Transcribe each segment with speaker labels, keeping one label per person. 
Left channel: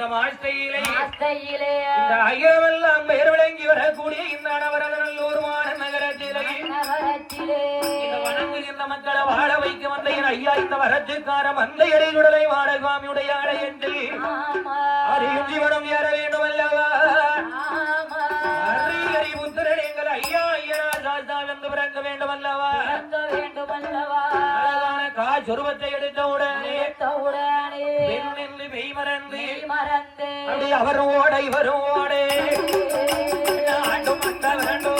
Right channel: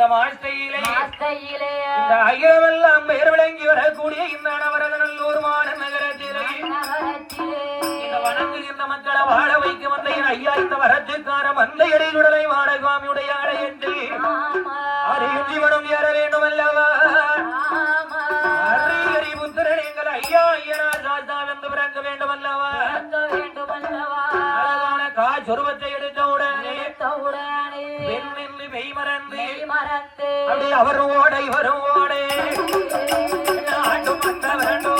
Speaker 1: இந்த மாசையிலே இந்த ஐயமெல்லாம் பெயர் விளங்கி வரக்கூடிய இந்த அனவரதநல்லூர் மாடன் நகரத்திலே இந்த வணங்குகின்ற மக்களை வாழ வைக்க வந்த என் ஐயா இந்த வரத்துக்கார வந்த இடையுடலை வாடகாமியுடைய அடை என்று அறியும் ஜீவனம் ஏற வேண்டும் அல்லவா அறி எங்கள் ஐயா ஐயனார் ராஜா என்று பிறக்க வேண்டும் அல்லவா அழகான காஜ் உருவத்தை எடுத்தவுடனே
Speaker 2: மெய் மறந்து.
Speaker 1: அவரோட இவரோட. ஆண்டு மந்த வேண்டும்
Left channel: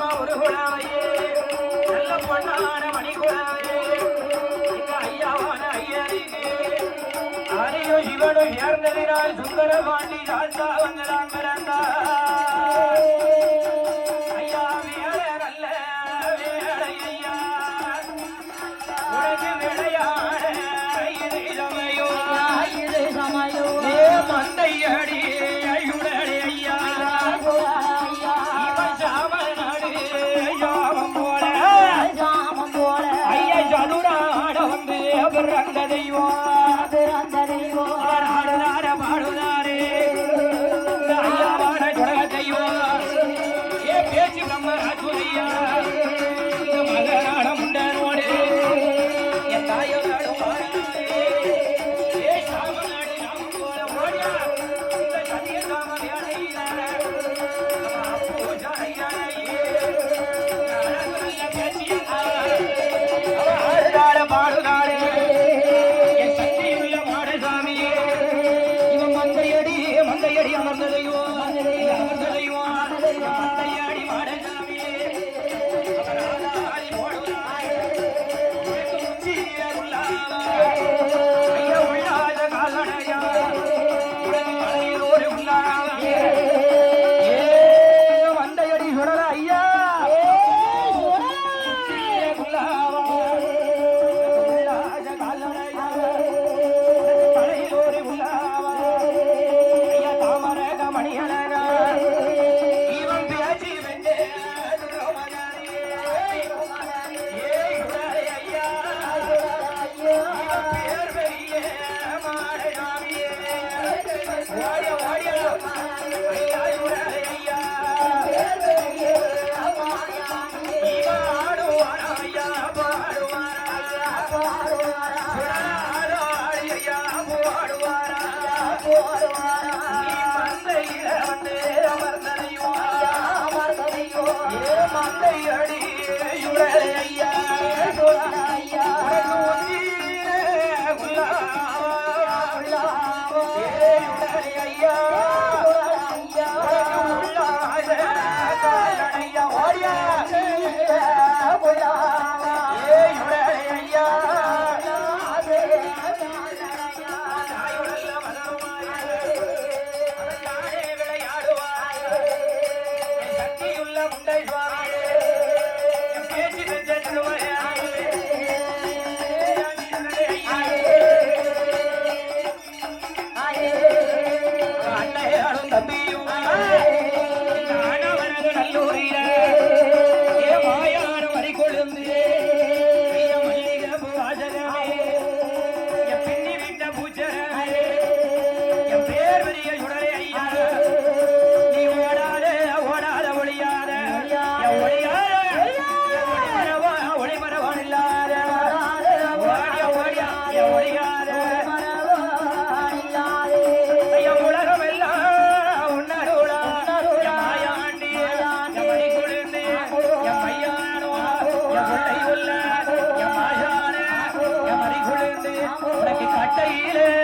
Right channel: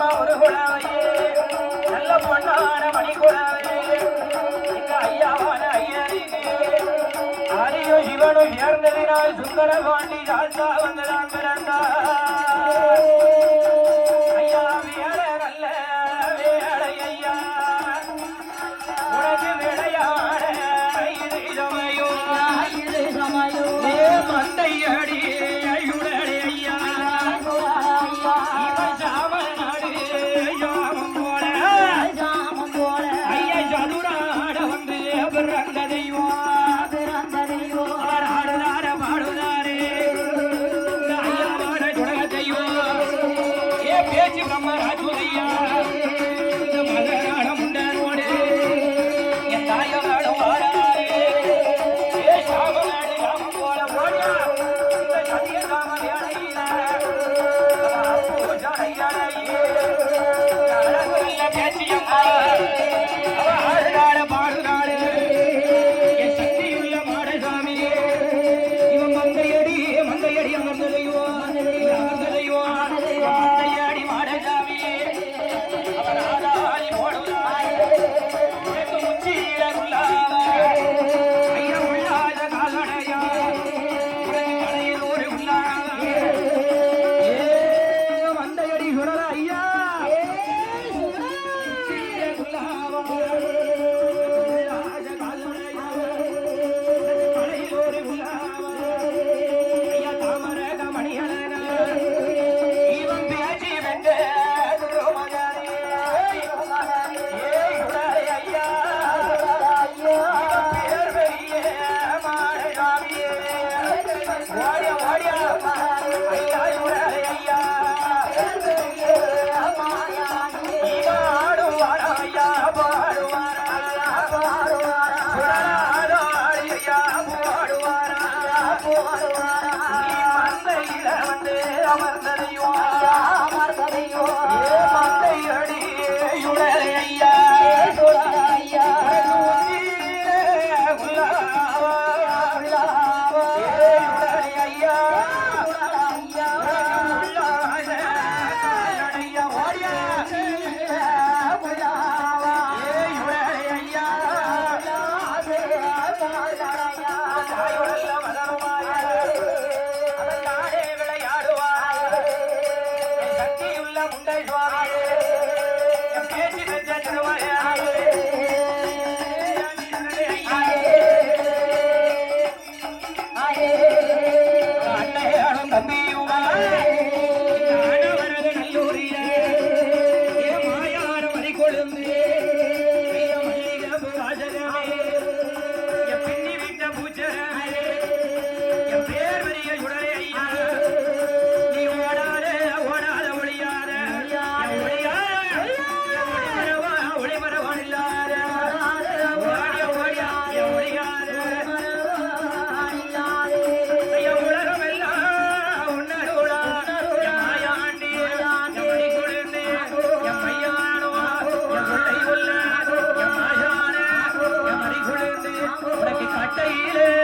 Speaker 1: அம்மா ஒரு குழவையே நல்ல பொண்ணான மணி குழவையே ஐயாவான ஐயருக்கு ஆரியோ இவனும் சுந்தர பாண்டி ராஜா வந்ததான் கட்டையிலே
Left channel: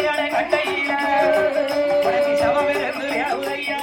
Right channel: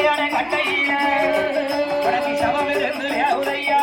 Speaker 1: உன்னை சண்டையான கட்டையில உனக்கு சமமிருந்து வியாகுதையா